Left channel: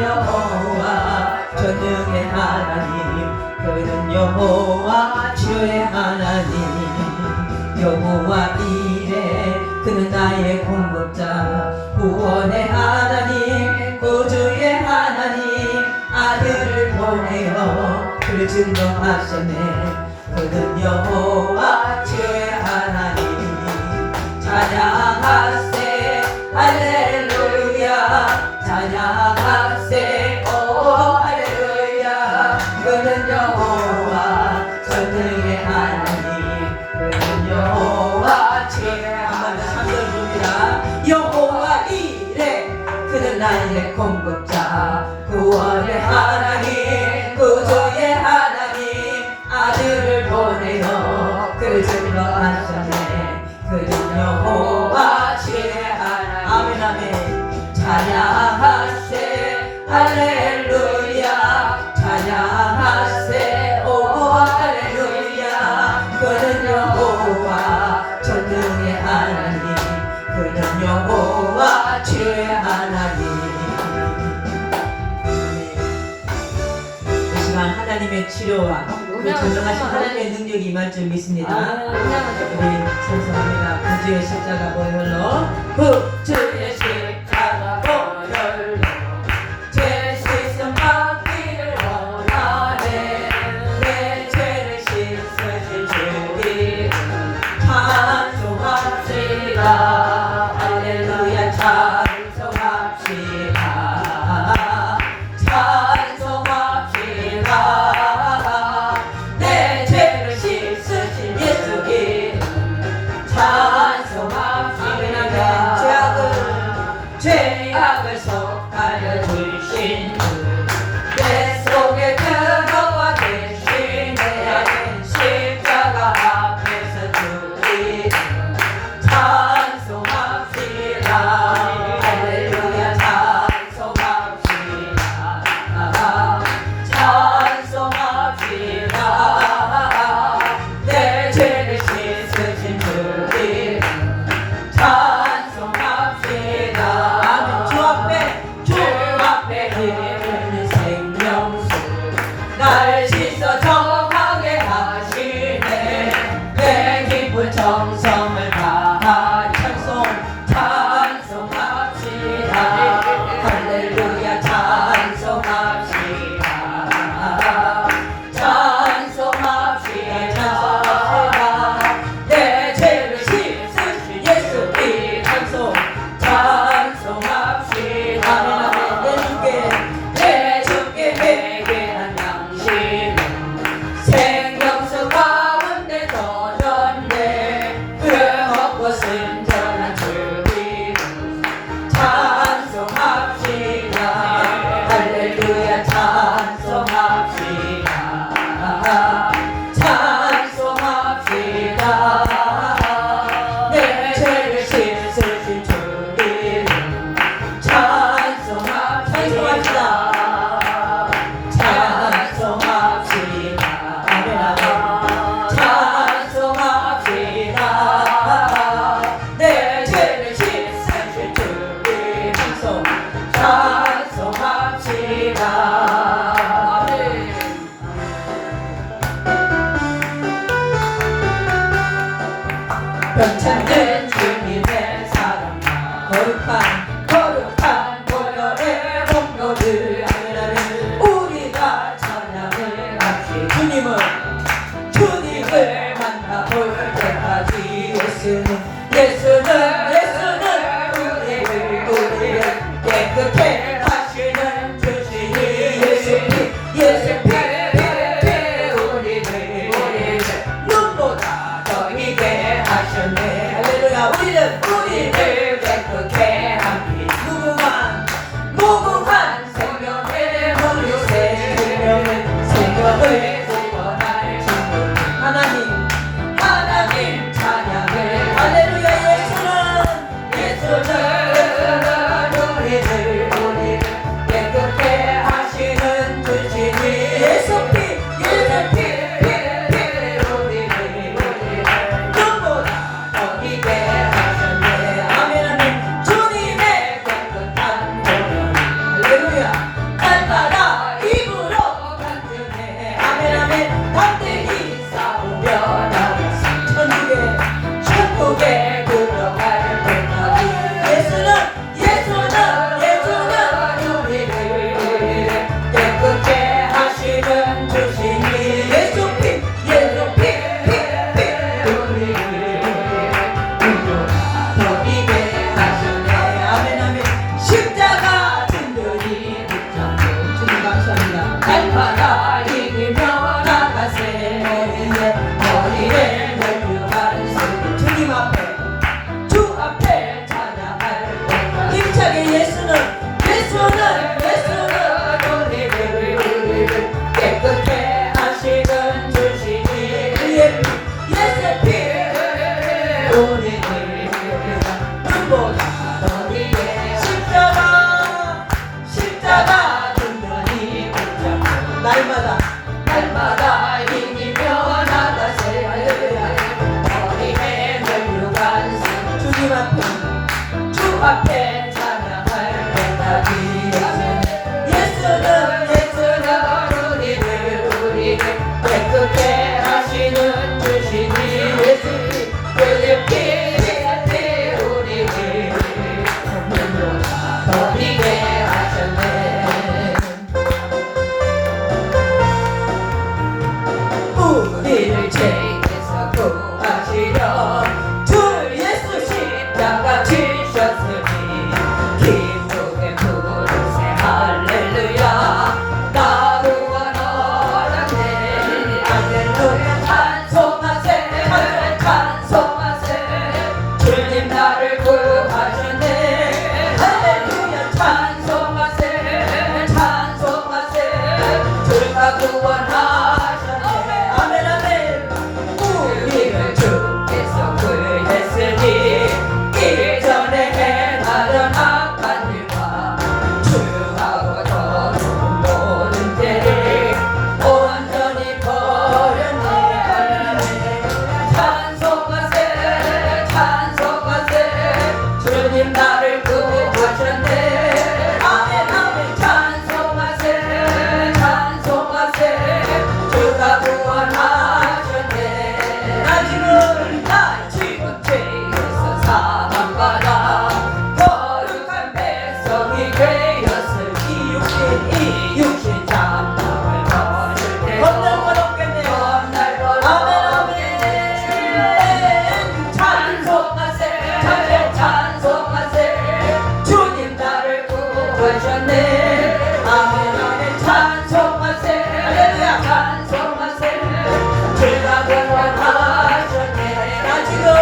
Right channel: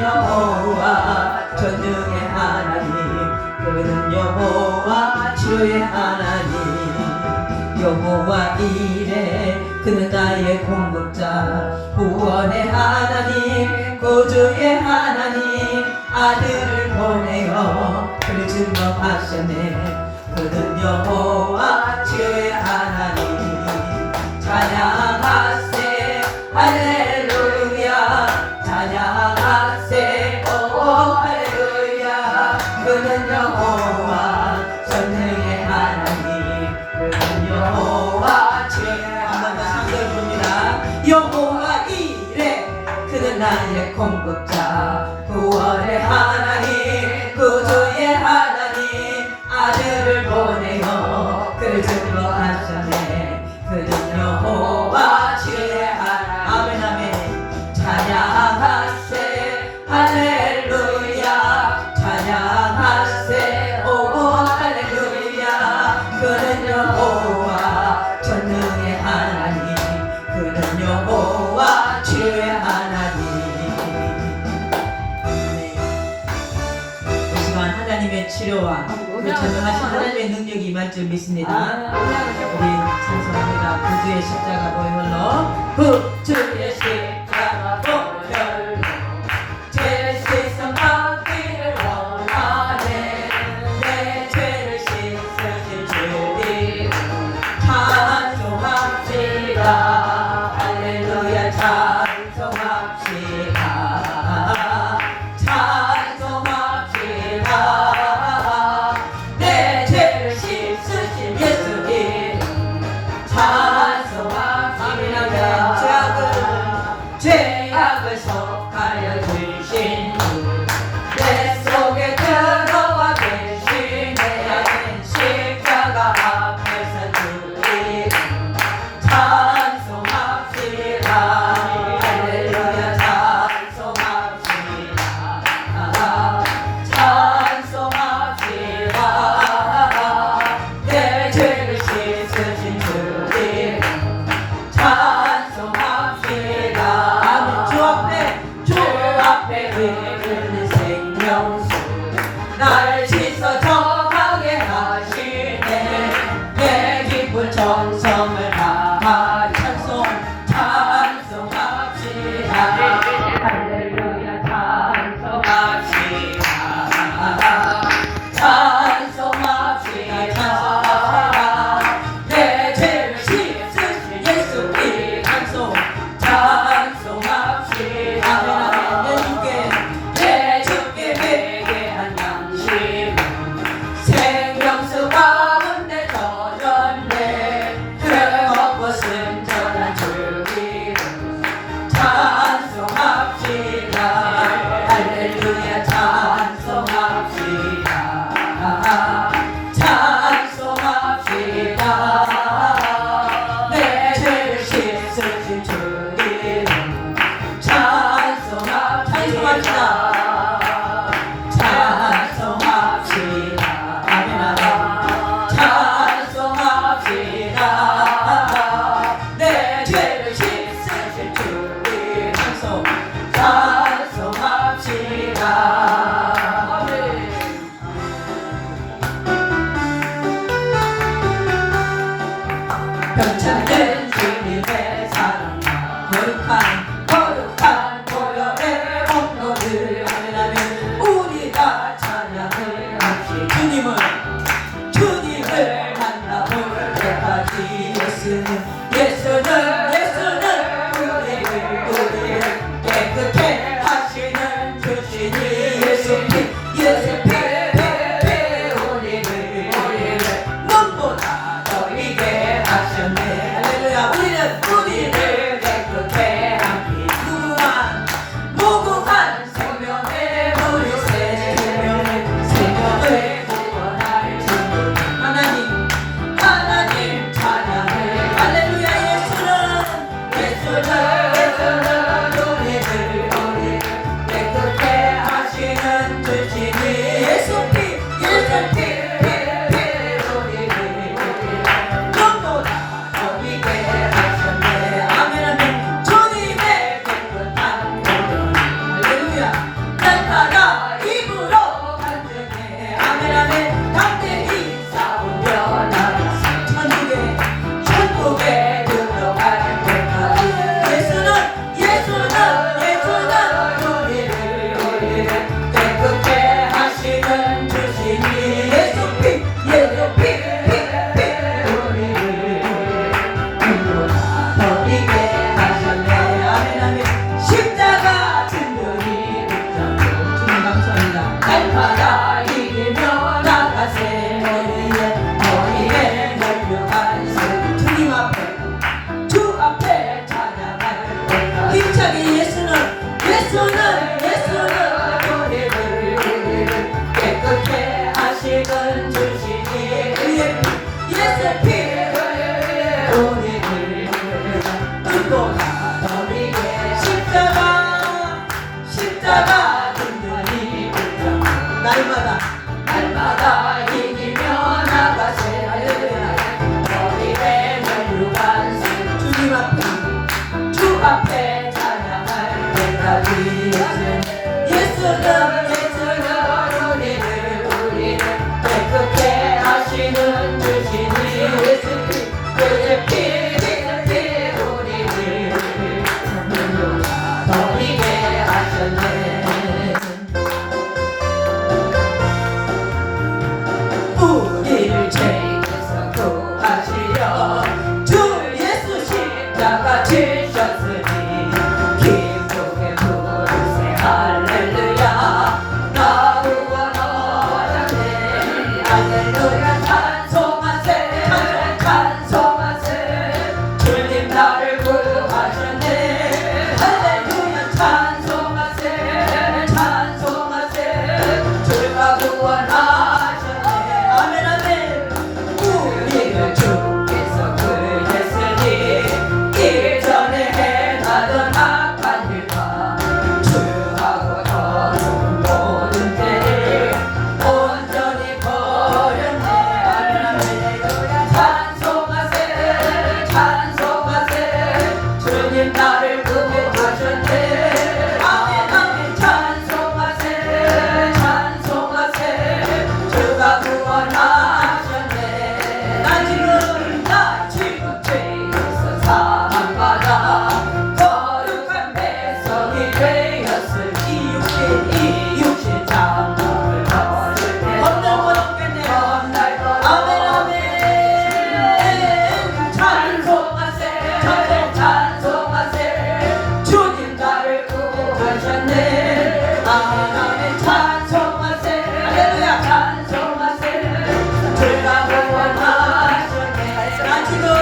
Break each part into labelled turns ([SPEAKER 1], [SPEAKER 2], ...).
[SPEAKER 1] 여호와 전능의 하나님 그는 여호와 주의 하나님. 여호와 이래 그는 나의 공급자 구원의 하나님 구주의 하나님. 아들을 보내어 그를 증거하시네. 그는 여호와 나의 공급자. 구원의 하나님 구주의 하나님 아들을 보내어 그를 죽러 하셨네. 그는 여호와 주의 하나님. 아멘 아멘. 찬양하세. 할렐 전능하신 하나님의 능력이 임할 줄 믿습니다. 우리 아, 찬송합니다. 네. 네, 구주의 십자가 보혈로 흑! que Happy birthday!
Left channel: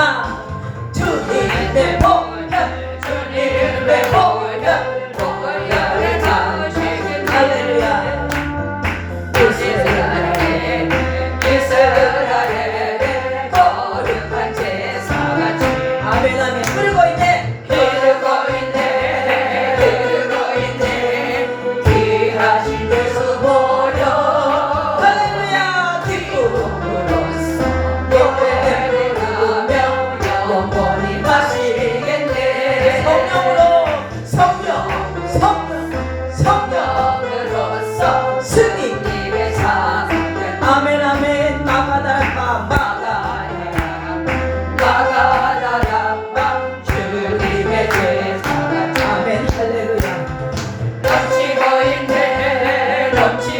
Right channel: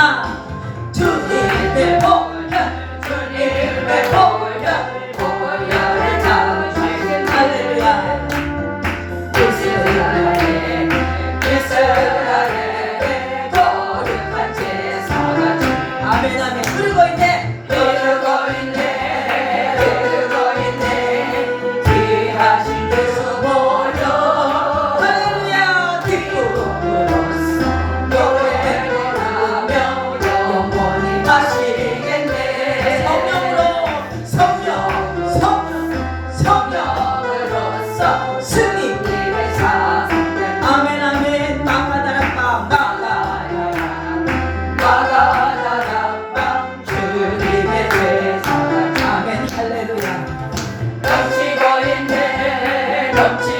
[SPEAKER 1] 하나. 주님 내복 주님 내복 없지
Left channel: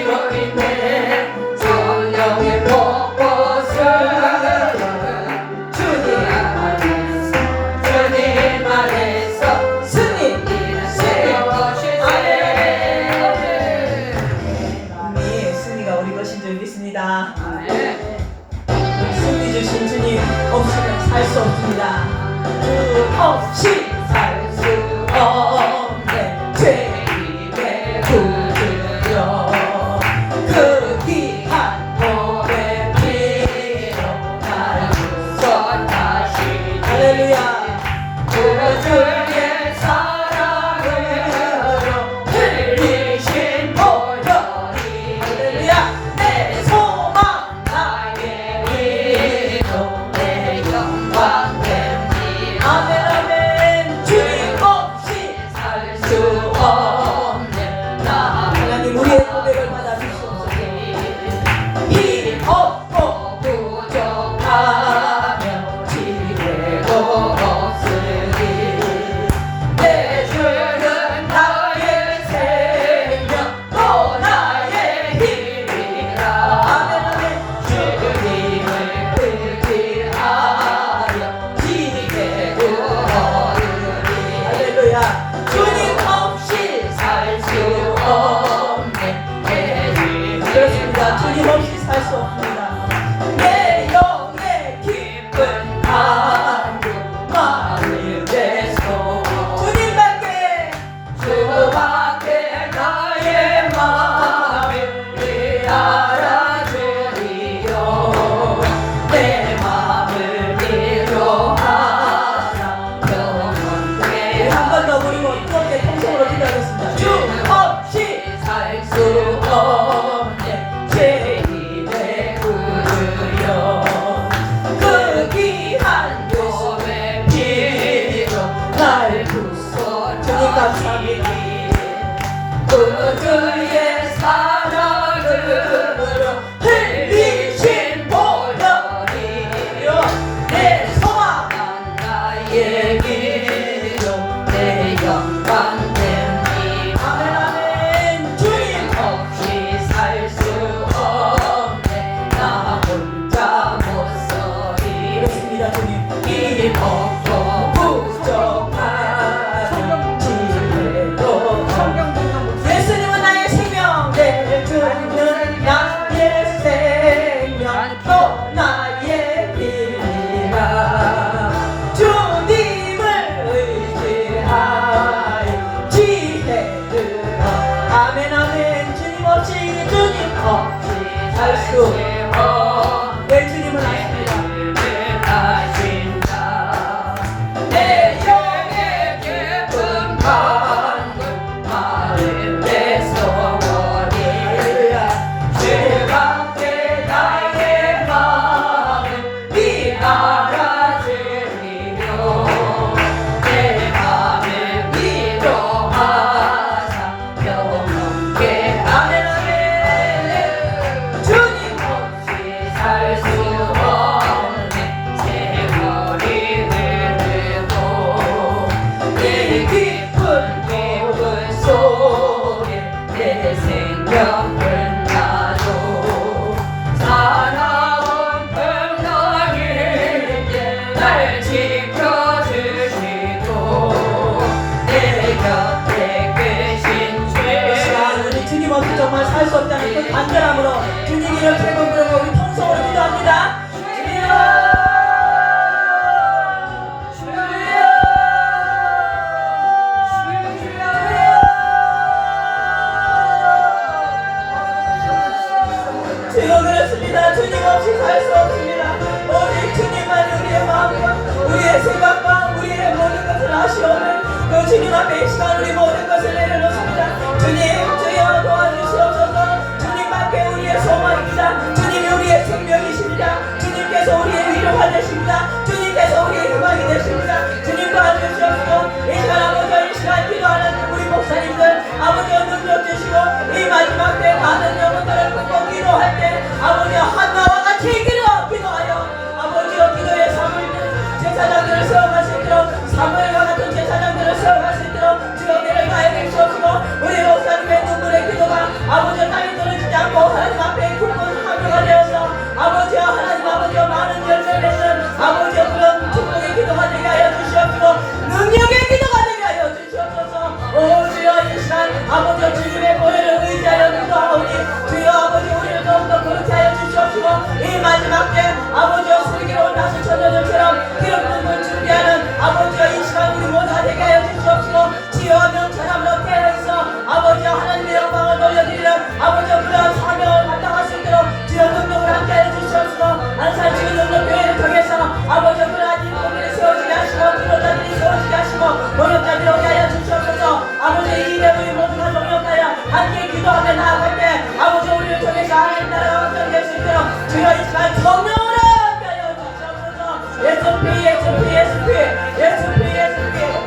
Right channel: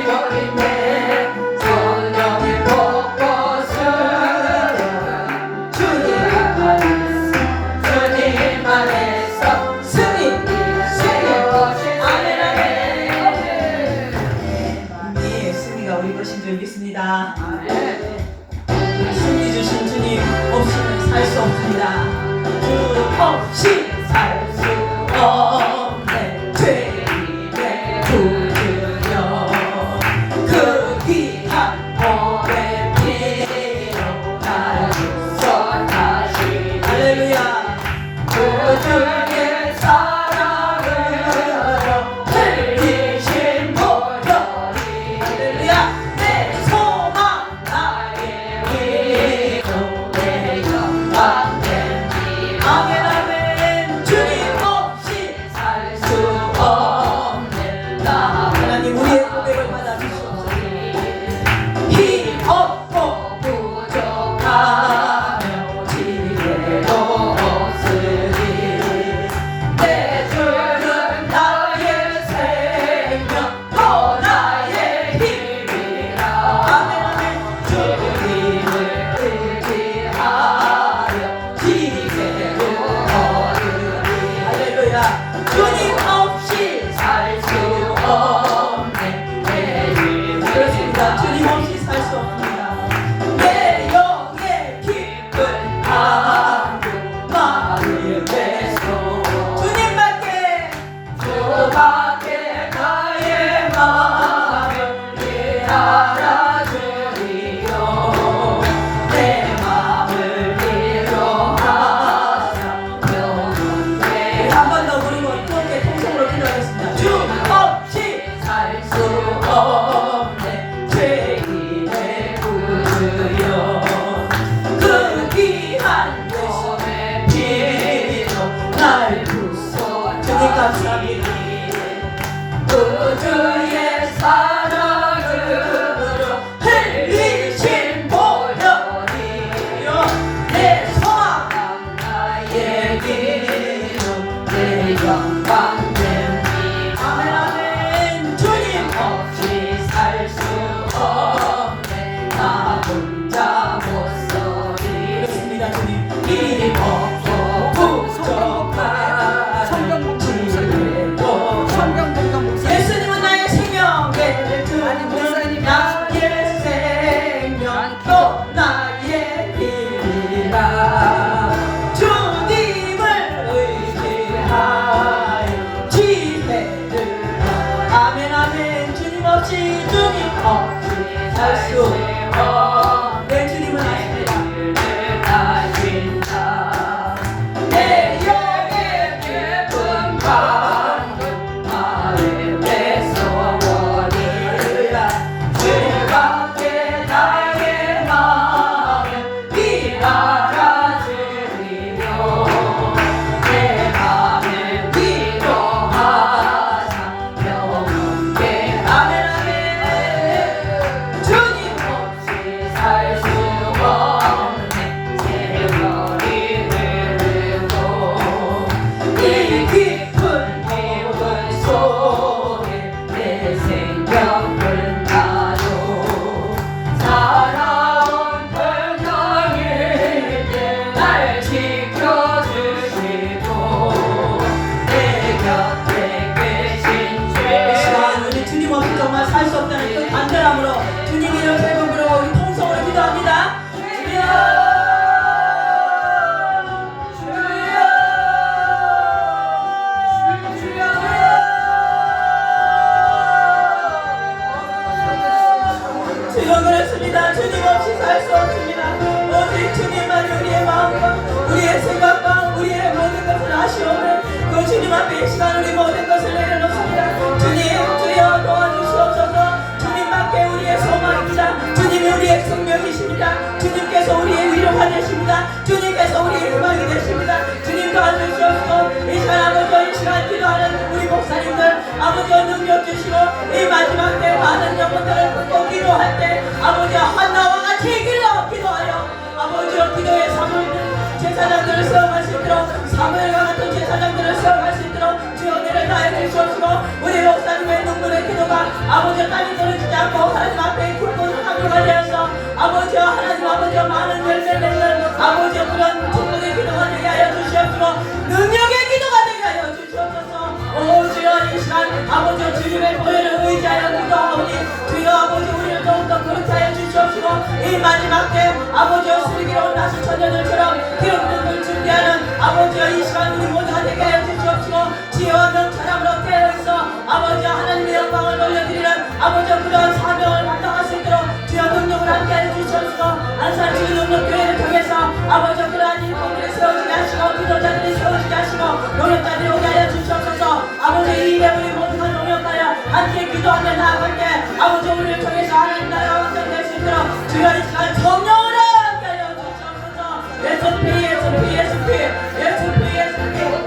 [SPEAKER 1] Let's 吹 I still 아버지 그런 사명을 감당할
[SPEAKER 2] 수
[SPEAKER 1] 있도록 주여 능력을 함께 해주시옵소서 안산지의 능력 교회를 통해서 아버지 그러한 인물들이 세워지게 하시고 기도자들이 세워지게 하시고 노력자들이 오게 하여 주시옵소서. 아버지 이 예물이 모두가 동력하여 함께 기도하며 나아갈 때 아버지 우리를 통해서 하나님 나라가 완성될 수 있도록 주여 이 시간 성령을 함께 하여 주시옵소서. 예수 피 예수 피 예수 피 예수 피 예수 피.